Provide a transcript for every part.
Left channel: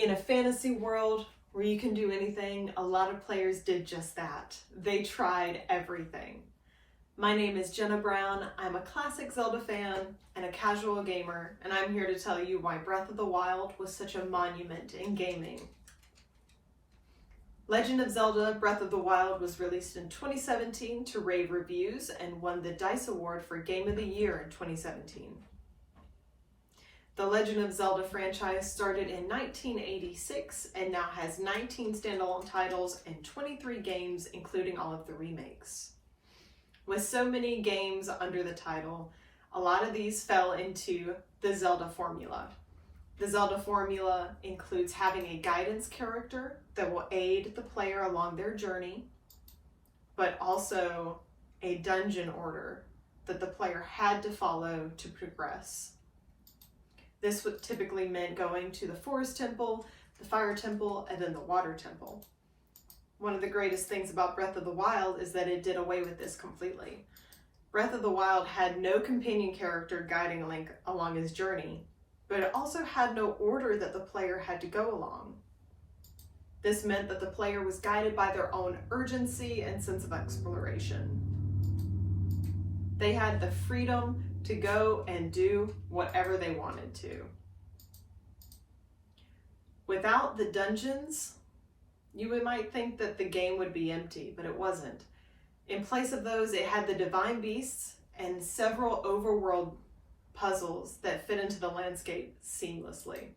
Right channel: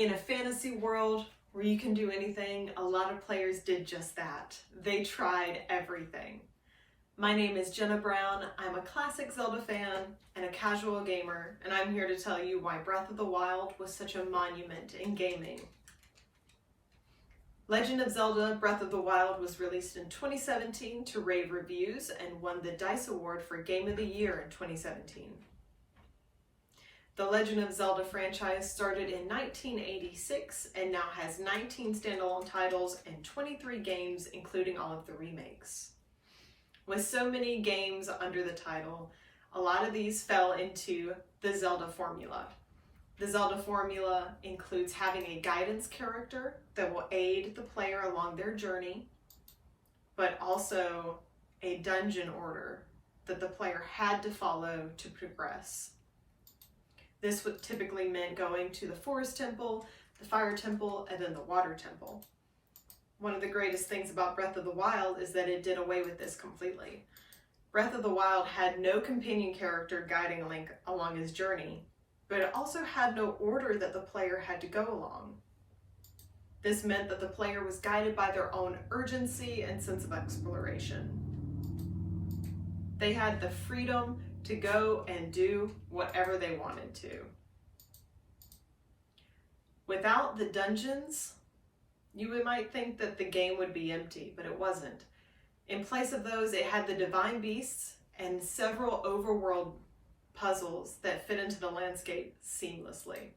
In a fantasy world where you can do anything, a lot of players did just that. They tried everything. My name is Jenna Brown. I'm a classic Zelda fan and a casual gamer, and I'm here to tell you why Breath of the Wild was such a monument in gaming. Legend of Zelda Breath of the Wild was released in 2017 to rave reviews and won the DICE Award for Game of the Year in 2017. The Legend of Zelda franchise started in 1986 and now has 19 standalone titles and 23 games, including all of the remakes. With so many games under the title, a lot of these fell into the Zelda formula. The Zelda formula includes having a guidance character that will aid the player along their journey, but also a dungeon order that the player had to follow to progress. This would typically meant going to the Forest Temple, the Fire Temple, and then the Water Temple. One of the greatest things about Breath of the Wild is that it did away with this completely. Breath of the Wild had no companion character guiding Link along his journey, but it also had no order that the player had to go along. This meant that the player was guided by their own urgency and sense of exploration. They had the freedom to go and do whatever they wanted to. Without the dungeons, you might think that the game would be empty, but it wasn't. In place of those, it had the divine beasts and several overworld puzzles that fit into the landscape seamlessly.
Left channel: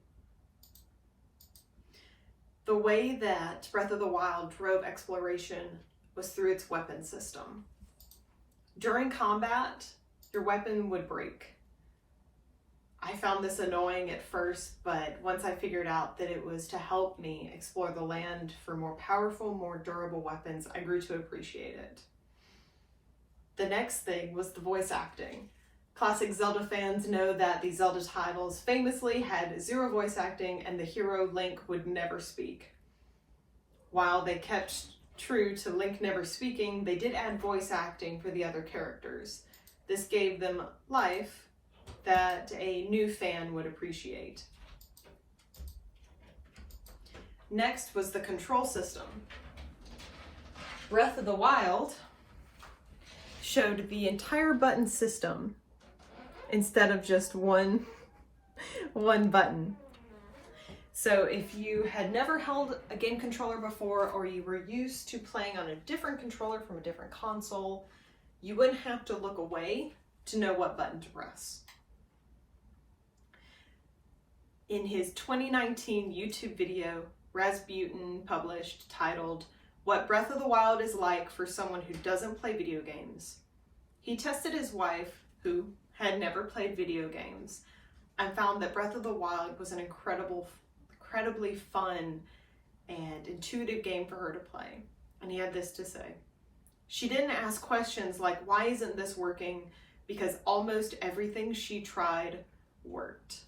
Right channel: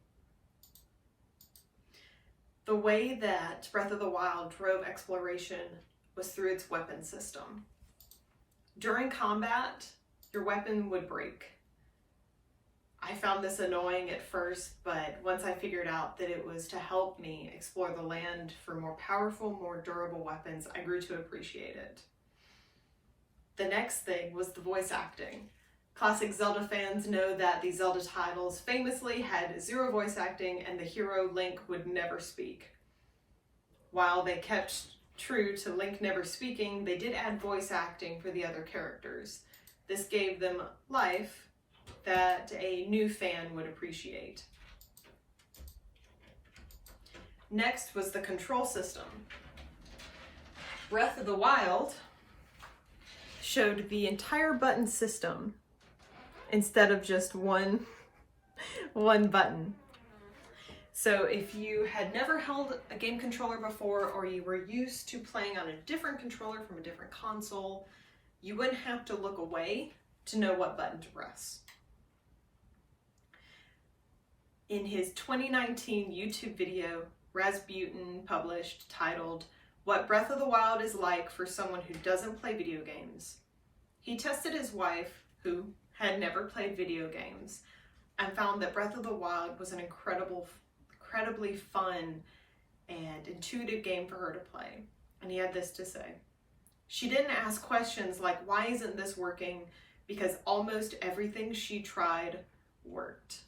The way that Breath of the Wild drove exploration was through its weapon system. During combat, your weapon would break. I found this annoying at first, but once I figured out that it was to help me explore the land for more powerful, more durable weapons, I grew to appreciate it. The next thing was the voice acting. Classic Zelda fans know that the Zelda titles famously had zero voice acting and the hero Link would never speak. While they kept true to Link never speaking, they did add voice acting for the other characters. This gave them life that a new fan would appreciate. Next was the control system. Breath of the Wild showed the entire button system instead of just one button. So if you had never held a game controller before, or you were used to playing on a different controller from a different console, you wouldn't have to look away to know what button to press. In his 2019 YouTube video, Rasputin published titled, "What Breath of the Wild is Like for Someone Who Doesn't Play Video Games," he tested his wife, who had never played video games, and found that Breath of the Wild was an incredibly fun and intuitive game for her to play. And he had this to say: "She didn't ask questions like, why isn't this working? Because almost everything she tried worked."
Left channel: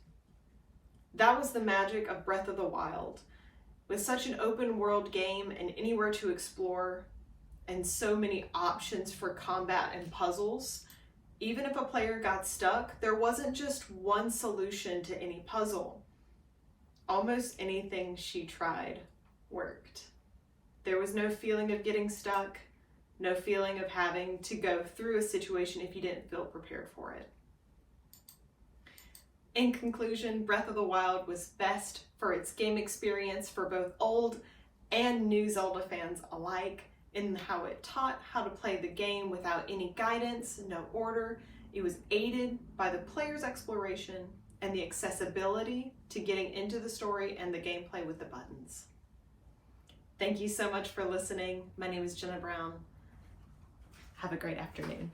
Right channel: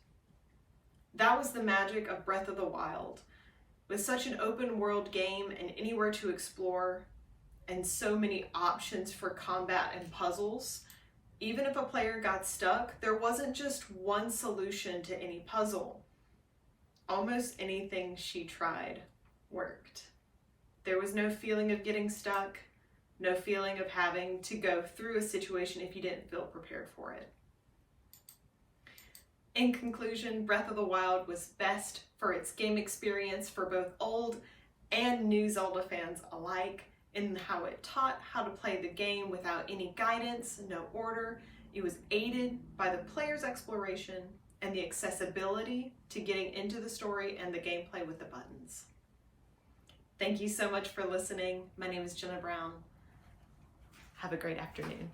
That was the magic of Breath of the Wild. With such an open world game and anywhere to explore, and so many options for combat and puzzles, even if a player got stuck, there wasn't just one solution to any puzzle. Almost anything she tried worked. There was no feeling of getting stuck, no feeling of having to go through a situation if you didn't feel prepared for it. In conclusion, Breath of the Wild was best for its game experience for both old and new Zelda fans alike, in how it taught how to play the game without any guidance, no order. It was aided by the player's exploration and the accessibility to getting into the story and the gameplay with the buttons. Thank you so much for listening. My name is Jenna Brown. Have a great afternoon.